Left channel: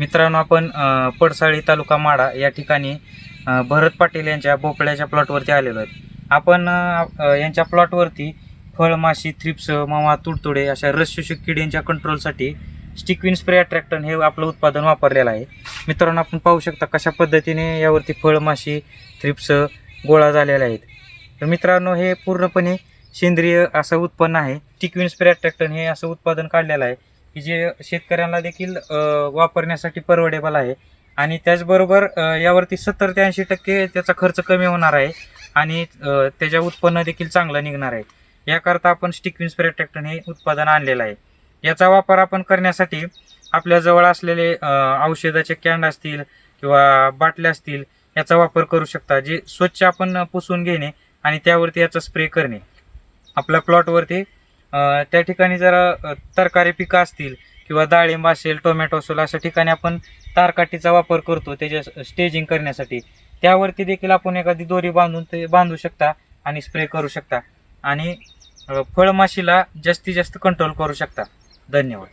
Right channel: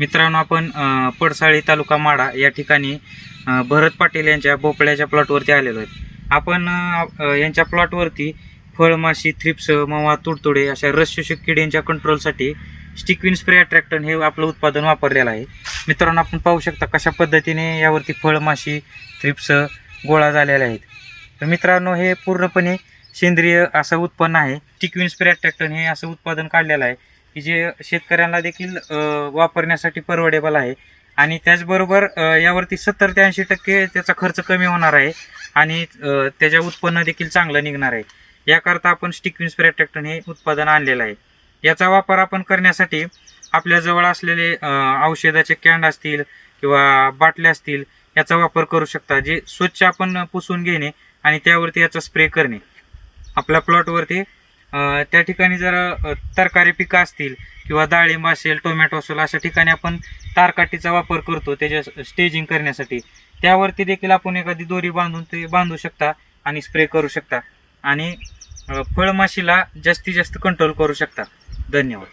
मित्रांनो, आपण पडसाळी तालुका माढा या ठिकाणी भरत पाटील यांच्या भोपळ्याच्या प्लॉटवरती आलेलो आहेत. आपण यांच्या प्लॉटवरती फळमाशी, थ्रिप्स, मवा, तुडतुडे अशा रसशोषक किडींच्या कंट्रोलसाठी स्टिकविन स्प्रे अट्रॅक्टन हे आपलं उत्पादन वापरलेलं आहे. मित्रांनो, आपण पाहू शकता कशा पद्धतीने यावरती फळमाशी, थ्रिप्स गोळा झालेले आहेत. तर मित्रांनो, हे पूर्णपणे सेंद्रिय असं उत्पन्न आहे. स्टिकविन स्प्रे अट्रॅक्टन हे असं उत्पादन काढलेलं आहे की जे शेतकऱ्यांना देखील वापरण्यासाठी परवडेबल आहे आणि त्याचबरोबर यावरती 70 ते 80% त्याचा खर्च कमी होणार आहे आणि त्याच्या उत्पन्न देखील चांगलं निघणार आहे. याकरता आपण स्टिकविन स्प्रे अट्रॅक्टन हे उत्पादन आणलेलं आहे. याचा वापर आपण करण्यासाठी आपल्याजवळ असलेले औषधाचे कॅन असतील किंवा बाटल्या असतील याचा वापर करू शकता, जे स्वच्छ आपण पुसून घेणे आणि त्यावरती याचा स्प्रे करणे. आपल्या प्लॉटवरती त्या ठिकाणी जर तरकारी पिकं असतील किंवा डाळिंब असेल, टोमॅटो असेल, अशा ठिकाणी आपण तारकाठीचा वापर करतो त्याच्या स्टेजिंग करण्यासाठी. त्यावरती देखील आपण एखादी दोरी बांधून ते बांधू शकता आणि स्प्रे करू शकता आणि फळमाशीला जास्तीत जास्त कंट्रोल करू शकता. धन्यवाद.